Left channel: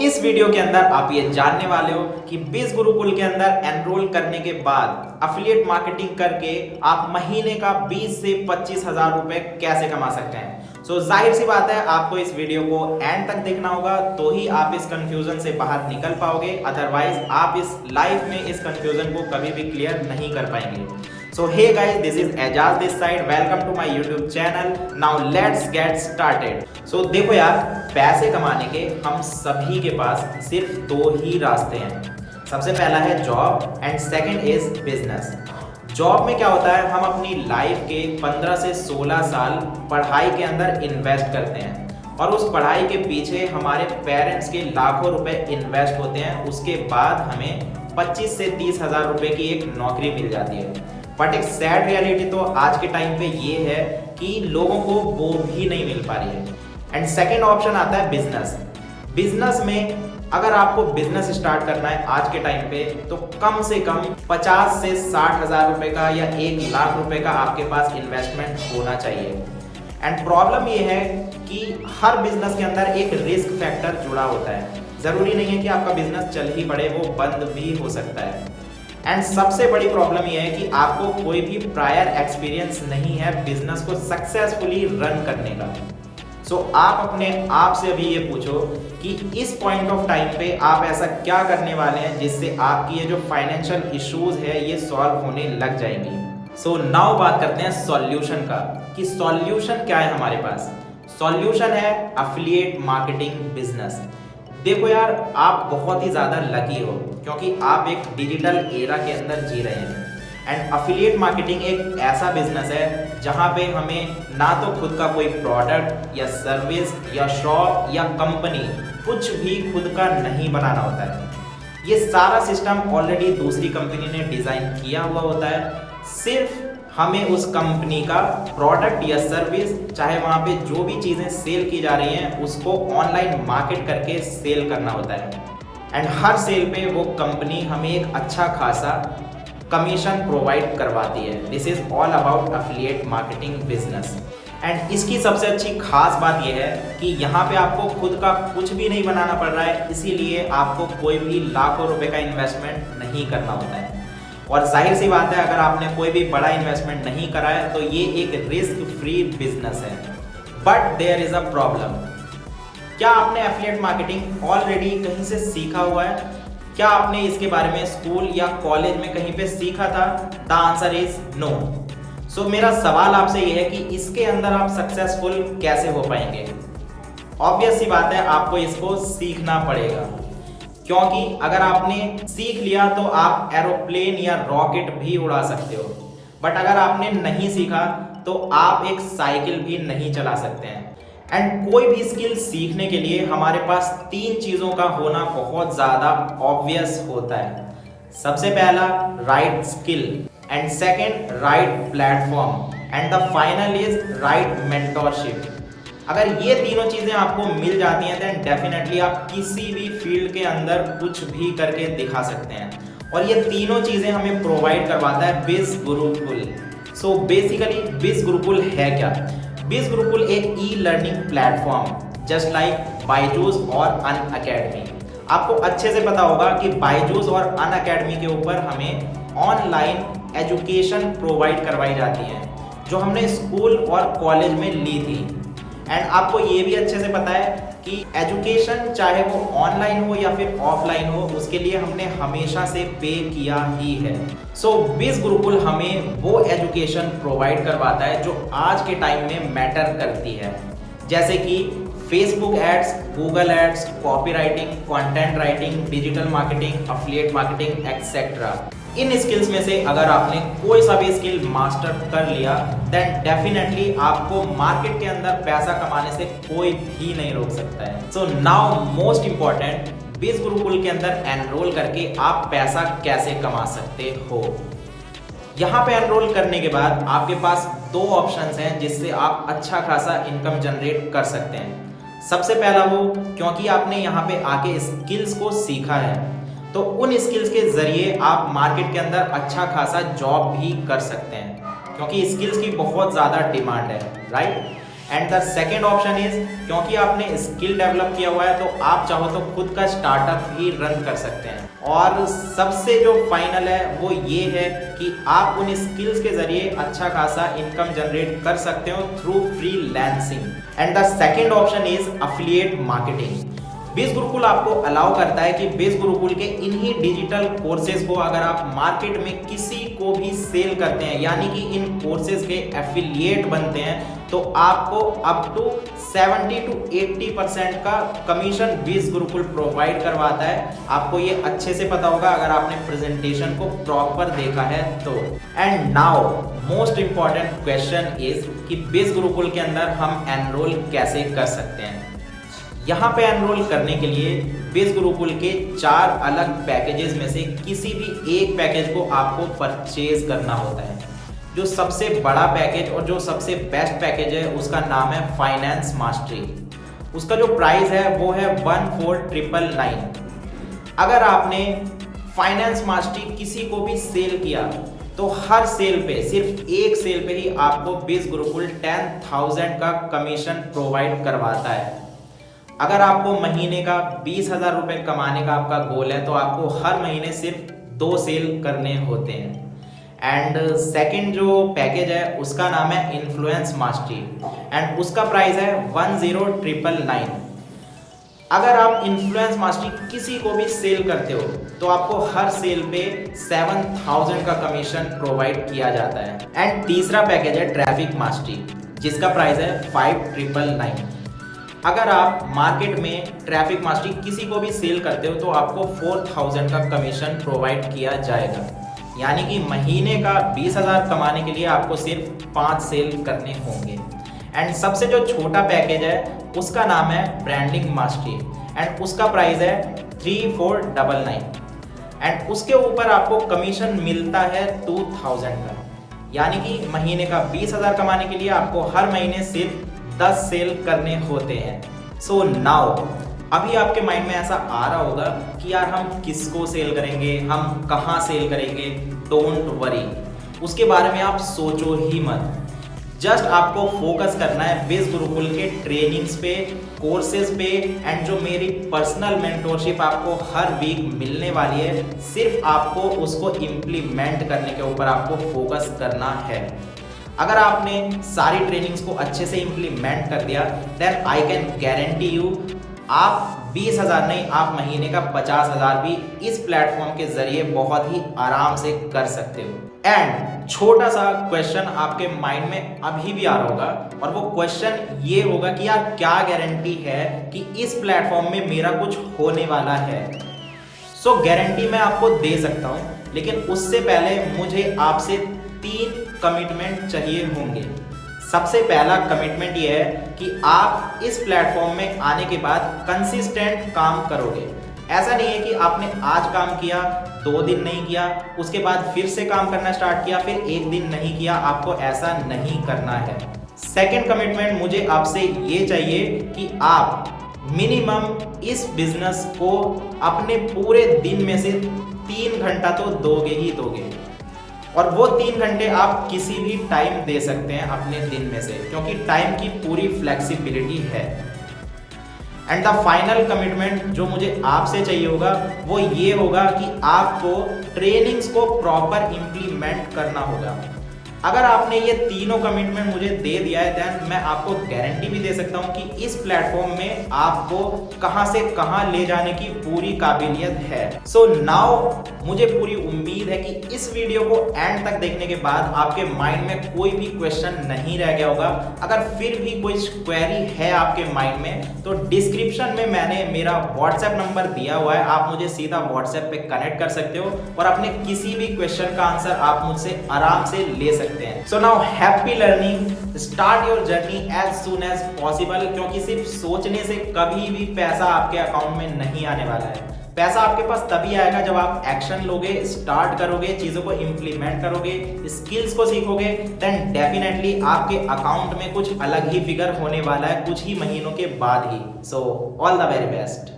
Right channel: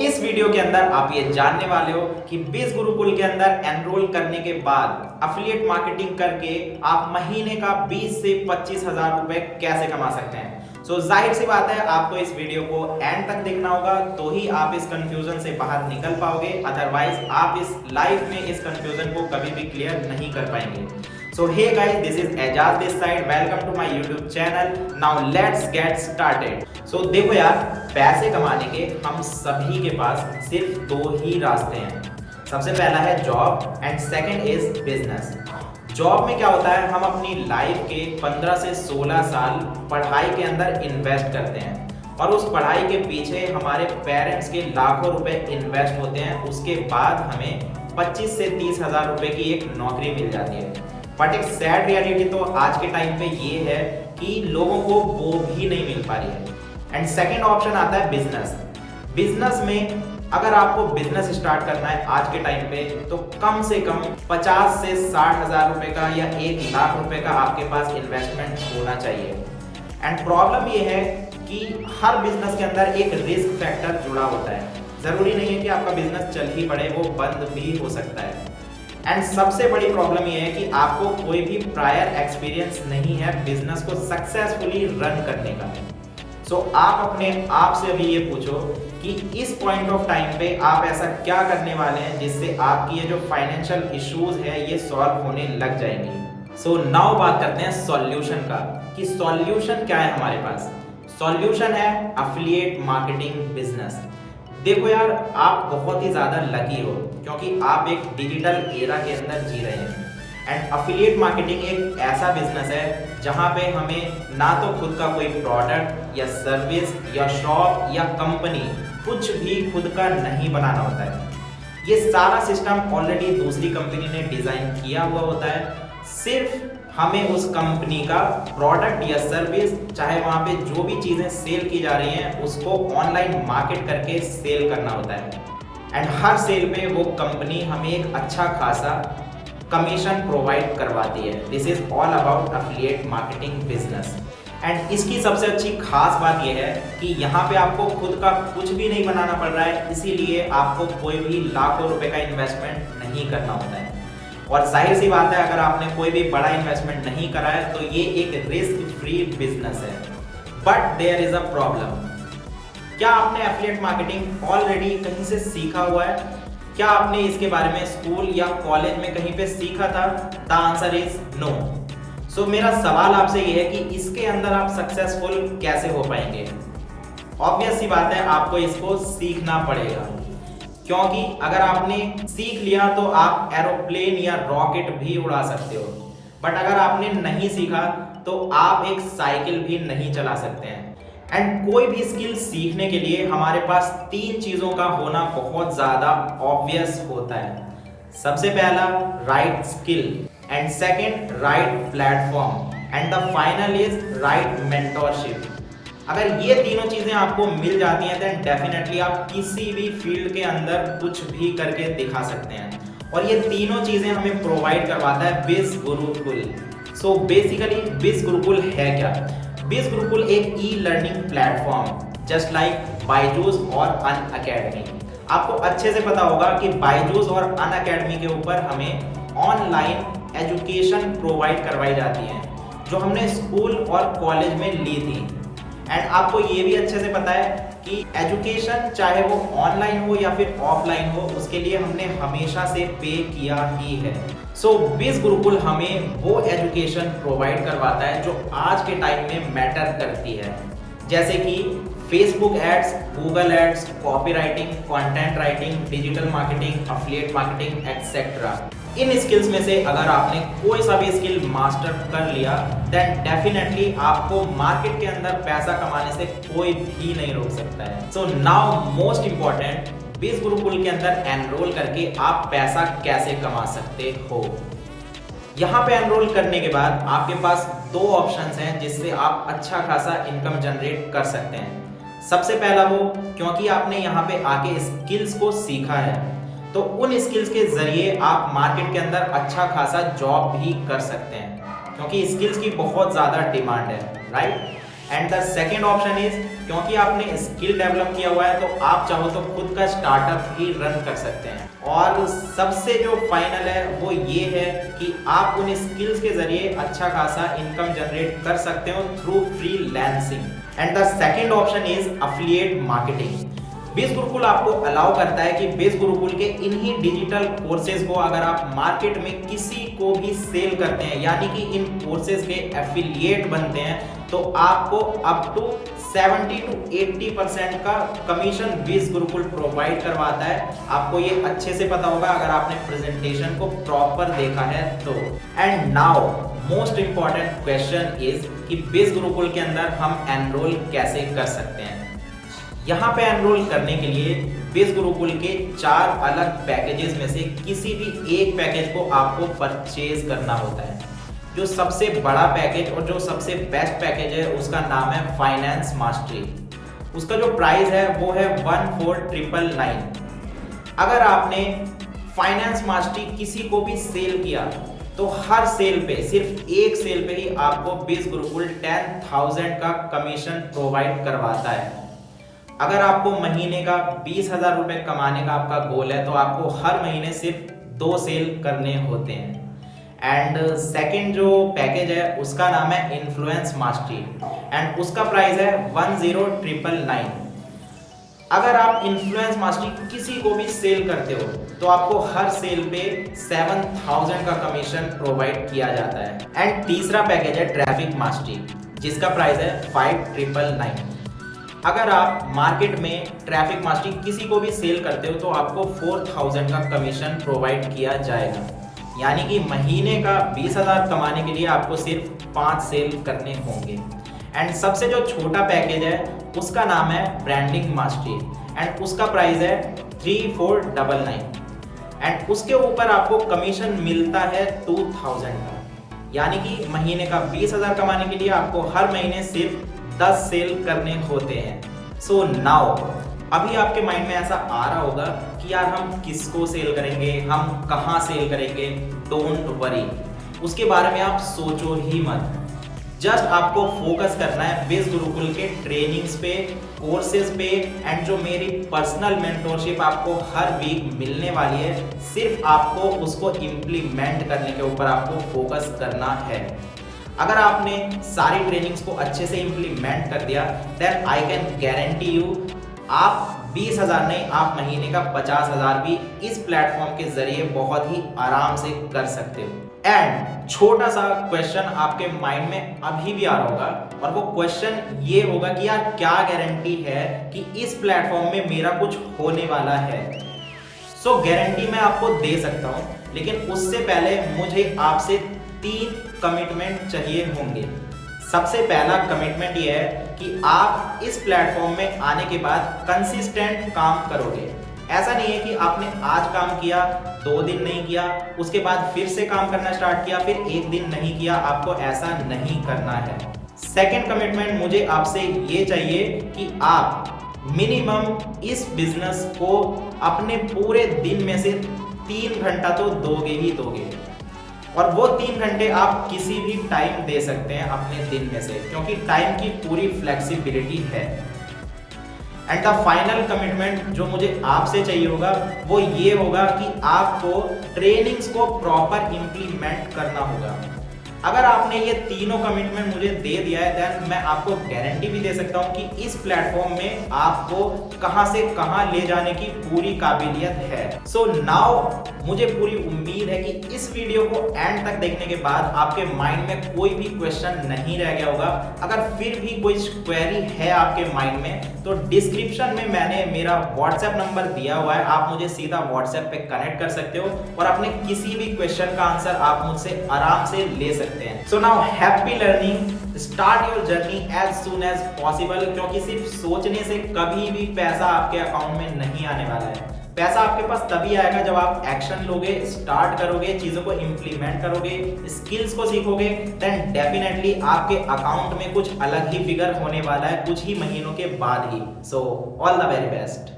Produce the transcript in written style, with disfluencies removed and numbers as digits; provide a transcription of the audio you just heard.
इस वीडियो के अंदर आप ये जानने वाले हो कि बीस गुरुकुल के अंदर एनरोल करने के बाद अफिलिएट मार्केटिंग करके आप महीने का 20 से 25,000 रुपए कैसे कमा सकते हैं। जाहिर सी बात है आपको इस वीडियो को एंड तक देखना होगा तो ही आप इस कंफ्यूजन से बाहर निकल पाओगे, अदरवाइज आप इस लाइफ में इस कंफ्यूजन को कभी भी क्लियर नहीं कर पाएंगे। Hey guys, this is Ajaz this side. Welcome to my YouTube channel. Now let's get started. देखो यार, पैसे कमाने के हम सभी के पास सिर्फ दो ही रास्ते हैं। सबसे पहला है job and second is business. Job में क्या होता है, हम अपनी लाइफ के 15 से 16 साल पढ़ाई के अंदर इन्वेस्ट करते हैं और उस पढ़ाई के पीछे हमारे पेरेंट्स के लाखों रुपए इन्वेस्ट होते हैं। उसके बाद हमें 25 से 30,000 रुपए की एक नौकरी मिल जाती है। बट एक सैड रियलिटी तो आज के टाइम पे ये है कि लोगों को वो भी नहीं मिल पा रही है। एंड सेकेंड ऑप्शन आता है बिजनेस। बिजनेस में अगर आपको बिजनेस स्टार्ट करना है आज के टाइम पे तो कम से कम 50 से 60,000 रुपए का या 1 लाख रुपए का आपके पास इन्वेस्टमेंट होना चाहिए। एंड प्रॉब्लम ये है कि हर बिजनेस के अंदर एक रिस्क फैक्टर जुड़ा होता है। जरूरी नहीं है कि आपका बिजनेस चल ही पड़े, वो बंद भी हो सकता है। एंड सबसे बड़ी प्रॉब्लम ये है कि आपको कोई भी प्रायर एक्सपीरियंस नहीं है बिजनेस को सक्सेसफुली रन करने का। आप अपने आप से अभी ये पूछो कि इस पॉइंट ऑफ टाइम पे आप ऐसा क्या करने वाले हैं जिससे आपकी ये जो फाइनेंशियल इश्यूज है ये सॉल्व होने लग जाएंगी। नाउ बात करते हैं सॉल्यूशन का कि सॉल्यूशन क्या है हमारे पास। सॉल्यूशन है अफिलिएट मार्केटिंग बिजनेस। देखो यार, आप बहुत ही ज़्यादा लकी हो क्योंकि आप एक डिजिटल एरा के अंदर जी रहे हैं। एंड अफिलिएट मार्केटिंग एक ऐसा बिजनेस है जहाँ पे हमें ना तो खुद का कोई प्रोडक्ट या सर्विस या शॉप या कंपनी कुछ भी खुद का नहीं बनाना होता है। ये सारा सिस्टम ऑलरेडी दूसरी कंपनी ने डिज़ाइन किया हुआ होता है। सिर्फ हमें उस कंपनी का प्रोडक्ट या सर्विस, चाहे वहाँ पे जो भी चीज़ें सेल की जा रही हैं, उसको ऑनलाइन मार्केट करके सेल करना होता है। एंड हर सेल पे वो कंपनी हमें एक अच्छा खासा कमीशन प्रोवाइड करवाती है। This is all about affiliate marketing business. And इसकी सबसे अच्छी खास बात यह है कि यहाँ पे आपको खुद का कुछ भी नहीं बनाना पड़ रहा है, इसीलिए आपको कोई भी लाखों रुपए का इन्वेस्टमेंट नहीं करना होता है। और जाहिर सी बात है, अगर आपने कोई भी बड़ा इन्वेस्टमेंट नहीं करा है तो ये एक रिस्क फ्री बिजनेस है। But there is a problem. क्या आपने एफिलिएट मार्केटिंग ऑलरेडी कहीं से सीखा हुआ है? क्या आपने इसके बारे में स्कूल या कॉलेज में कहीं पे सीखा था? The answer is no. मेरा सवाल आपसे यह है कि इसके अंदर आप सक्सेसफुल कैसे हो पाएंगे? ऑब्वियस सी बात है, आपको इसको सीखना पड़ेगा, क्योंकि अगर आपने सीख लिया तो आप एरोप्लेन या रॉकेट भी उड़ा सकते हो। बट अगर आपने नहीं सीखा तो आप एक साइकिल भी नहीं चला सकते हैं। एंड कोई भी स्किल सीखने के लिए हमारे पास 3 चीज़ों का होना बहुत ज़्यादा ऑब्वियस होता है। सबसे पहला right skill, and second right platform, and the final is right mentorship. अगर ये तीनों चीज़ें आपको मिल जाती हैं देन डेफिनेटली आप किसी भी फील्ड के अंदर कुछ भी करके दिखा सकते हैं। और ये तीनों चीज़ें हमें प्रोवाइड करवाता है बीस गुरुकुल। बेसिकली बीस गुरुकुल है क्या? बीस गुरुकुल एक e learning platform just like Byju's और अनअकैडमी। आपको अच्छे से पता होगा कि बायजूस और अनअकैडमी के ऊपर हमें ऑनलाइन एजुकेशन प्रोवाइड करवाई जाती है जो हमने स्कूल और कॉलेज में ली थी। एंड आपको ये भी अच्छे से पता है कि एजुकेशन चाहे वो ऑनलाइन हो या फिर ऑफलाइन हो, उसके लिए हमने हमेशा से पे किया ही है। बीस गुरुकुल हमें वो एजुकेशन प्रोवाइड करवाता है जो आज के टाइम में मैटर करती है, जैसे कि Facebook ads, Google ads, copy writing, content writing, digital marketing, affiliate marketing etcetera. इन स्किल्स में से अगर आपने कोई सा भी स्किल मास्टर कर लिया देन डेफिनेटली आपको मार्केट के अंदर पैसा कमाने से कोई भी नहीं रोक सकता है। नाउ मोस्ट इंपॉर्टेंट, बीस गुरुकुल के अंदर एनरोल करके आप पैसा कैसे कमा सकते हो। यहाँ पे एनरोल करने के बाद आपके पास 2 ऑप्शंस हैं जिससे आप अच्छा खासा इनकम जनरेट कर सकते हैं। सबसे पहला वो, क्योंकि आपने यहाँ पे आके स्किल्स को सीखा है तो उन स्किल्स के जरिए आप मार्केट के अंदर अच्छा खासा जॉब भी कर सकते हैं, क्योंकि स्किल्स की बहुत ज़्यादा डिमांड है, right. And the second option is, क्योंकि आपने स्किल डेवलप किया हुआ है तो आप चाहो तो खुद का स्टार्टअप भी रन कर सकते हैं। और सबसे जो फाइनल है वो ये है कि आप उन स्किल्स के जरिए अच्छा खासा इनकम जनरेट कर सकते हो through freelancing. And the second option is affiliate marketing. बीस गुरुकुल आपको अलाउ करता है कि बीस गुरुकुल के इन्हीं डिजिटल कोर्सेज को अगर आप मार्केट में किसी को भी सेल करते हैं, यानी कि इन कोर्सेज के एफिलिएट बनते हैं, तो आपको अप टू 70 to 80% का कमीशन बीस गुरुकुल प्रोवाइड करवाता है। आपको ये अच्छे से पता होगा अगर आपने प्रेजेंटेशन को प्रॉपर देखा है तो। And now most important question is कि बीस गुरुकुल के अंदर हम एनरोल कैसे कर सकते हैं। यहाँ पे एनरोल करने के लिए बीस गुरुकुल के 4 अलग पैकेजेस में से किसी भी एक पैकेज को आपको परचेज करना होता है। जो सबसे बड़ा पैकेज और जो सबसे बेस्ट पैकेज है उसका नाम है फाइनेंस मास्टरी। उसका जो प्राइस है वो है 14,999। अगर आपने फाइनेंस मास्टरी किसी को भी सेल किया तो हर सेल पे, सिर्फ एक सेल पे ही आपको बीस गुरुकुल 10,000 का कमीशन प्रोवाइड करवाता है। अगर आपको महीने का 20,000 रुपये कमाने का आपका गोल है तो आपको हर महीने सिर्फ 2 सेल करने होते हैं। एंड सेकंड जो पैकेज है उसका नाम है इन्फ्लुएंस मास्टरी एंड उसका प्राइस है 10,999। अगर आप इन्फ्लुएंस मास्टरी किसी को भी सेल करते हो तो आपको हर सेल पे 7,000 का कमीशन प्रोवाइड किया जाता है। एंड तीसरा पैकेज है ट्रैफिक मास्टरी जिसका प्राइस है 5,999। अगर आप मार्केट में ट्रैफिक मास्टरी किसी को भी सेल करते हो तो आपको 4,000 का कमीशन प्रोवाइड किया जाएगा, यानी कि महीने का 20,000 कमाने के लिए आपको सिर्फ 5 सेल करने होंगे। एंड सबसे जो छोटा पैकेज है उसका नाम है ब्रांडिंग मास्टरी एंड उसका प्राइस है 3,499 एंड उसके ऊपर आपको कमीशन मिलता है 2,000 का, यानी कि महीने का 20,000 कमाने के लिए आपको हर महीने सिर्फ 10 सेल करने होते हैं। सो नाउ अभी आपके माइंड में ऐसा आ रहा होगा कि यार हम किसको सेल करेंगे, हम कहाँ सेल करेंगे। डोंट वरी, उसके बारे में आप सोचो ही मत। जस्ट आपको फोकस करना है बीस गुरुकुल के ट्रेनिंग्स पे, कोर्सेज पे एंड जो मेरी पर्सनल मेंटोरशिप आपको हर वीक मिलने वाली है, सिर्फ आपको उसको इम्प्लीमेंट करने के ऊपर आपको फोकस करना है। अगर आपने सारी ट्रेनिंग्स को अच्छे से इम्प्लीमेंट कर दिया then I can guarantee you आप 20,000 नहीं, आप महीने का 50,000 भी इस प्लेटफॉर्म के जरिए बहुत ही आराम से कर सकते हो। एंड छोटा सा क्वेश्चन आपके माइंड में अभी भी आ रहा होगा और वो क्वेश्चन ये होगा कि यार क्या गारंटी है कि इस प्लेटफॉर्म में मेरा कुछ होने वाला है। सो गारंटी मैं आपको दे सकता हूँ, लेकिन उससे पहले मुझे आपसे 3 कमिटमेंट चाहिए होंगे। सबसे पहला कमिटमेंट ये है कि आप इस प्लेटफॉर्म में आने के बाद कंसिस्टेंट काम करोगे। ऐसा नहीं है कि आपने आज काम किया, 2 दिन नहीं किया, उसके बाद फिर से काम करना स्टार्ट किया, फिर 1 दिन नहीं किया। आपको ऐसा नहीं करना है। सेकंड कमिटमेंट मुझे आपसे ये चाहिए कि आप मिनिमम इस बिजनेस को अपने पूरे दिन में से 3 घंटा तो दोगे ही दोगे, और वो 3 घंटे आप किसी भी टाइम दे सकते हैं अपने दिन में से, क्योंकि टाइम की पूरी फ्लेक्सिबिलिटी है। एंड द फाइनल कमिटमेंट जो मुझे आपसे चाहिए होगा वो ये होगा कि आपको ट्रेनिंग्स को प्रॉपर इम्प्लीमेंट करना होगा। अगर आपने ये तीनों कमिटमेंट मुझे दे दिया है देन मैं आपको गारंटी भी दे सकता हूँ कि इस प्लेटफॉर्म में आपको कहाँ से कहाँ ले जाने की पूरी काबिलियत है। सो नाउ मुझे पूरी उम्मीद है कि इस वीडियो को एंड तक देखने के बाद आपके माइंड में कोई भी क्वेश्चन नहीं रह गया होगा। अगर फिर भी कोई क्वेरी है आपके माइंड में तो डिस्क्रिप्शन में मैंने मेरा व्हाट्सएप नंबर दिया हुआ है, आप मुझे सीधा व्हाट्सएप पे कनेक्ट कर सकते हो और अपने किसी भी क्वेश्चन का आंसर आप मुझसे आराम से ले सकते हैं। So now happy learning, start your journey as soon as possible, क्योंकि सिर्फ सोचने से कभी भी पैसा आपके अकाउंट में नहीं आने वाला है। पैसा आपके पास तभी आएगा जब आप एक्शन लोगे, स्टार्ट करोगे, चीज़ों को इम्प्लीमेंट करोगे, स्किल्स को सीखोगे, देन डेफिनेटली आपके अकाउंट में कुछ अलग ही फिगर होने वाला है कुछ ही महीनों के बाद ही। So all the very best.